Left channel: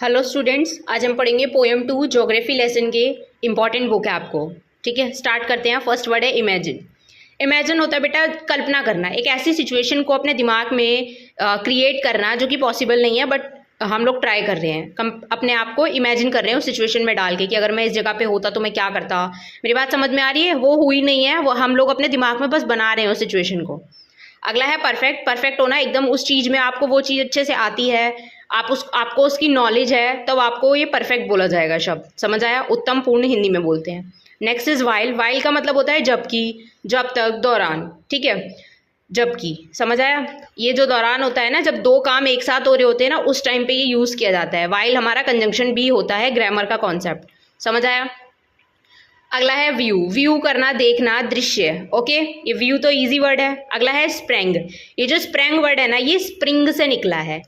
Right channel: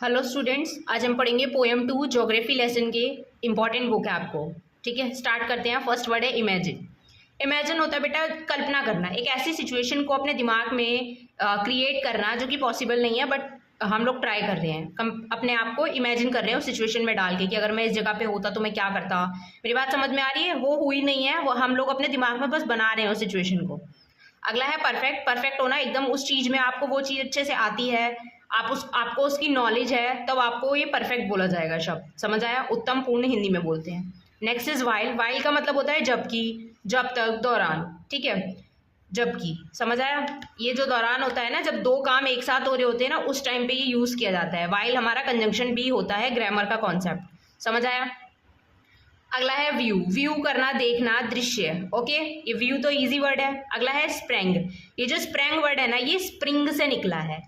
Hello students, आज हम पढ़ेंगे पोएम 2 ज्योग्राफी लेसन के इम्पॉर्टेंट वोकैब को। ठीक है, स्टार्ट करते हैं। फर्स्ट वर्ड है इमेजिन। इमेजिन होता है बेटा कल्पना करना, एक ऐसी सिचुएशन को अपने दिमाग में क्रिएट करना जो कि पॉसिबल नहीं है, बट हम लोग ट्राई कर रहे हैं, अपने आप को इमेजिन कर रहे हैं उस सिचुएशन में डाल के कि अगर मैं इस जगह पे होता तो मैं क्या करता। मेरी बात समझ में आ रही है? वो हुई नहीं है, वो हम लोग अपने दिमाग में बस बना रहे हैं उस सिचुएशन को। अगला है परफेक्ट। परफेक्ट होना, एकदम उस चीज़ में आपको वो चीज़ अच्छे से आती है, आपको उसकी नॉलेज है, तब आपको ये परफेक्ट बोला जाएगा शब्द। समझ आया? उत्तम, पूर्ण हिंदी में बोलते हैं। Next is while. वाइल का मतलब होता है जबकि, जब तक, दौरान। ठीक है, जबकि। समझ आया? ये जो दौरान होता है ना, जब दो काम एक साथ हो रहे होते हैं ना, उस टाइम पे ये यूज़ किया जाता है। वाइल हमारा कंजंक्शन भी होता है, ग्रामर का कॉन्सेप्ट। समझ आया? अगला है व्यू। व्यू करना, देखना, दृश्य। ओके, ये व्यू तो इजी वर्ड है। अगला है स्प्रेंग। ये जो स्प्रेंग वर्ड है ना, ये स्प्रिंग से निकला है।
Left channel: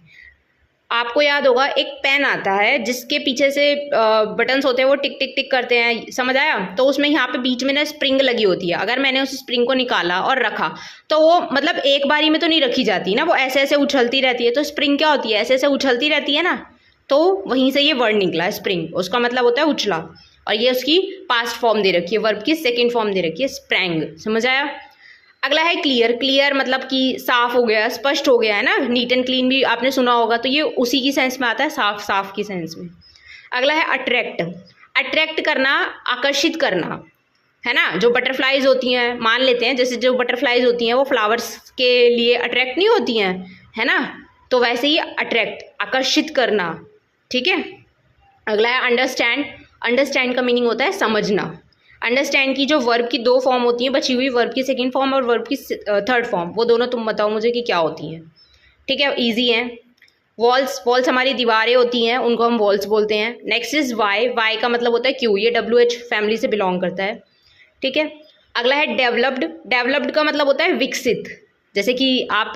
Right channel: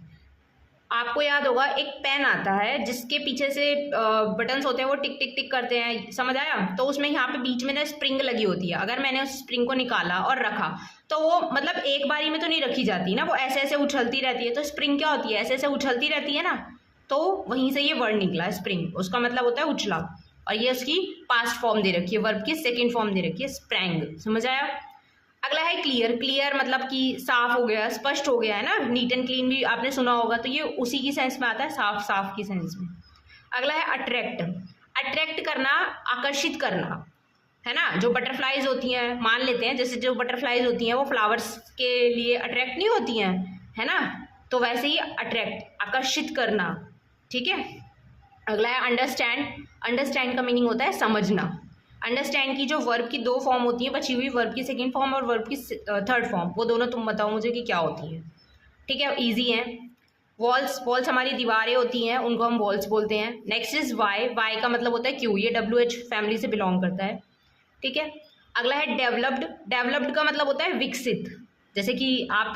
आपको याद होगा एक पेन आता है जिसके पीछे से बटन्स होते हैं, वो टिक टिक टिक करते हैं। समझ आया? तो उसमें यहाँ पे बीच में ना स्प्रिंग लगी होती है। अगर मैंने उस स्प्रिंग को निकाला और रखा तो वो मतलब एक बारी में तो नहीं रखी जाती ना, वो ऐसे ऐसे उछलती रहती है। तो स्प्रिंग क्या होती है? ऐसे ऐसे उछलती रहती है ना, तो वहीं से ये वर्ड निकला है स्प्रिंग। उसका मतलब होता है उछला, और ये उसकी पास्ट फॉर्म दे रखी है, वर्ब की सेकेंड फॉर्म दे रखी है, स्प्रैंग। समझ आया? अगला है क्लियर। क्लियर मतलब कि साफ हो गया, स्पष्ट हो गया, है ना। नीट एंड क्लीन भी आपने सुना होगा, तो ये उसी की सेंस में आता है, साफ साफ की सेंस में। अगला है अट्रैक्ट। अट्रैक्ट करना, आकर्षित करना, है ना। जो बटरफ्लाइज होती हैं, मान लेते हैं जैसे जो बटरफ्लाइज होती हैं वो फ्लावर्स के लिए अट्रैक्ट नहीं होती हैं, है ना, तो वैसे ही अट्रैक्ट, आकर्षित करना। ठीक है। अगला है अंडरस्टैंड। अंडरस्टैंड का मीनिंग होता है समझना। अंडरस्टैंड की जो वर्ब की दो फॉर्म होती है बची हुई, वर्ब की सेकंड फॉर्म और वर्ब की थर्ड फॉर्म, वो दोनों तुम बताओ मुझे कि क्या होती हैं। ठीक है, इजी है। वॉल्स। वॉल्स हमारी दीवारें होती हैं, उनको हम वॉल्स बोलते हैं। Next is why. वाई का मतलब होता है क्यों, ये WH फैमिली से बिलोंग करता है। ठीक है। अगला है डेवलप्ड। डेवलप्ड का मतलब होता है विकसित। जैसे कि आप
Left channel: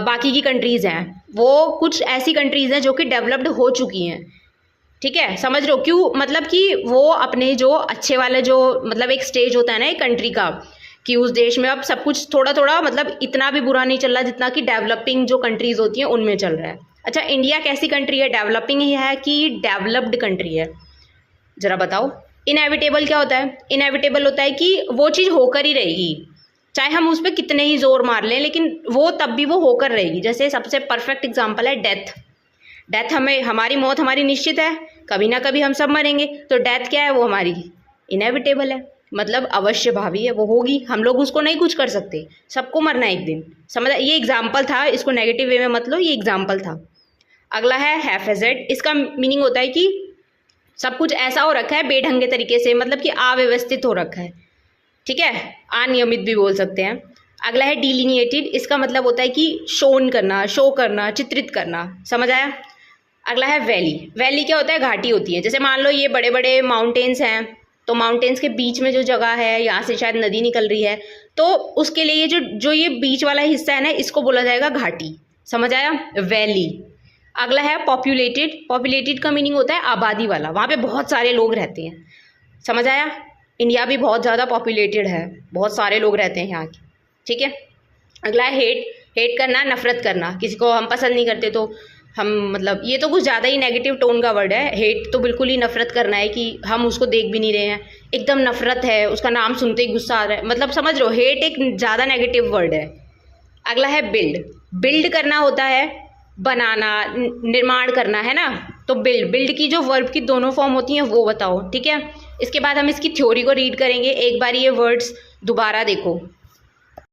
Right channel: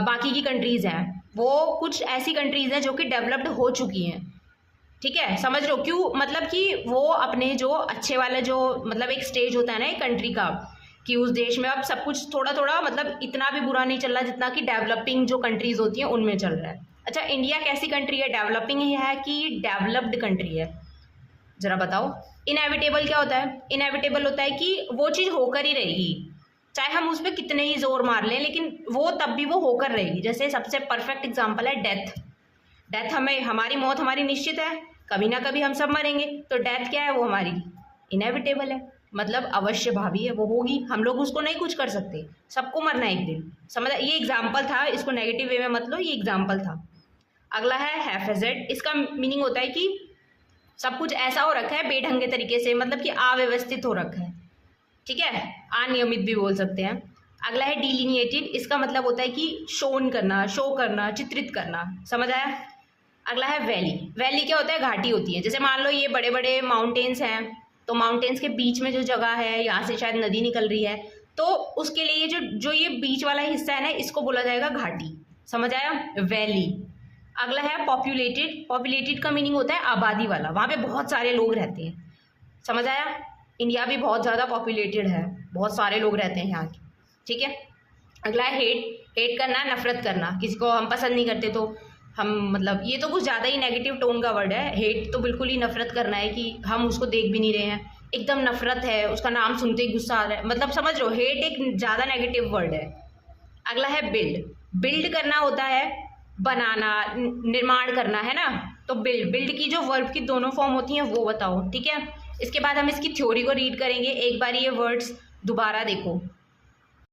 बाकी की कंट्रीज़ हैं, वो कुछ ऐसी कंट्रीज़ हैं जो कि डेवलप्ड हो चुकी हैं। ठीक है, समझ रहे हो? क्यों? मतलब कि वो अपने जो अच्छे वाले जो मतलब एक स्टेज होता है ना एक कंट्री का, कि उस देश में अब सब कुछ थोड़ा थोड़ा मतलब इतना भी बुरा नहीं चल रहा जितना कि डेवलपिंग जो कंट्रीज होती हैं उनमें चल रहा है। अच्छा, इंडिया कैसी कंट्री है? डेवलपिंग ही है कि डेवलप्ड कंट्री है? जरा बताओ। इनएविटेबल क्या होता है? इनएविटेबल होता है कि वो चीज़ होकर ही रहेगी, चाहे हम उस पर कितने ही जोर मार लें, लेकिन वो तब भी वो होकर रहेगी। जैसे सबसे परफेक्ट एग्जाम्पल है डेथ। डेथ, हमें, हमारी मौत हमारी निश्चित है, कभी ना कभी हम सब मरेंगे। तो डेथ क्या है? वो हमारी इनएविटेबल है, मतलब अवश्य भावी है, वो होगी, हम लोग उसको नहीं कुछ कर सकते, सबको मरना है एक दिन। समझ? ये एग्जाम्पल था, इसको नेगेटिव वे में मत लो, ये एग्जाम्पल था। अगला है हैफेजेड। इसका मीनिंग होता है कि सब कुछ ऐसा हो रखा है बेढंगे तरीके से, मतलब कि अव्यवस्थित हो रखा है। ठीक है, अनियमित भी बोल सकते हैं। अगला है डिलिनिएटेड। इसका मतलब होता है कि शोन करना, शो करना, चित्रित करना। समझ आया? अगला है वैली। वैली क्या होता है? घाटी होती है। जैसे मान लो ये बड़े बड़े माउंटेन्स हैं, तो माउंटेन्स के बीच में जो जगह है, यहाँ से शायद नदी निकल रही है, तो उसके लिए ये जो ये बीच वाला हिस्सा है ना, इसको बोला जाएगा घाटी। समझ आया? वैली। अगला है पॉपुलेटेड। पॉपुलेटेड का मीनिंग होता है आबादी वाला, वहाँ पे बहुत सारे लोग रहते हैं। समझ आया? इंडिया भी बहुत ज़्यादा पॉपुलेटेड है, बहुत सारे लोग रहते हैं यहाँ के। ठीक है। अगला है हेट। हेट करना, नफरत करना, किसी को हम पसंद नहीं करते तो हम, मतलब ये तो कुछ ज़्यादा ही नेगेटिव टोन का वर्ड है। हेट तो बिल्कुल ही नफरत करना है कि हम उसको देख भी नहीं रहे हैं, एकदम नफरत है, उसका नाम सुनते ही गुस्सा आ रहा है, मतलब समझ लो हेट एक ज़्यादा नेगेटिव वर्ड है। अगला है बिल्ड। बिल्ड करना होता है बनाना, निर्माण करना, है ना। तो बिल्ड, बिल्ड की जो वर्ब की दोनों फॉर्म होती हैं वो बताओ। ठीक है, इसके बाद हम इसकी थ्योरी को रीड करेंगे। एक बार ये वर्ड्स दोबारा देखो।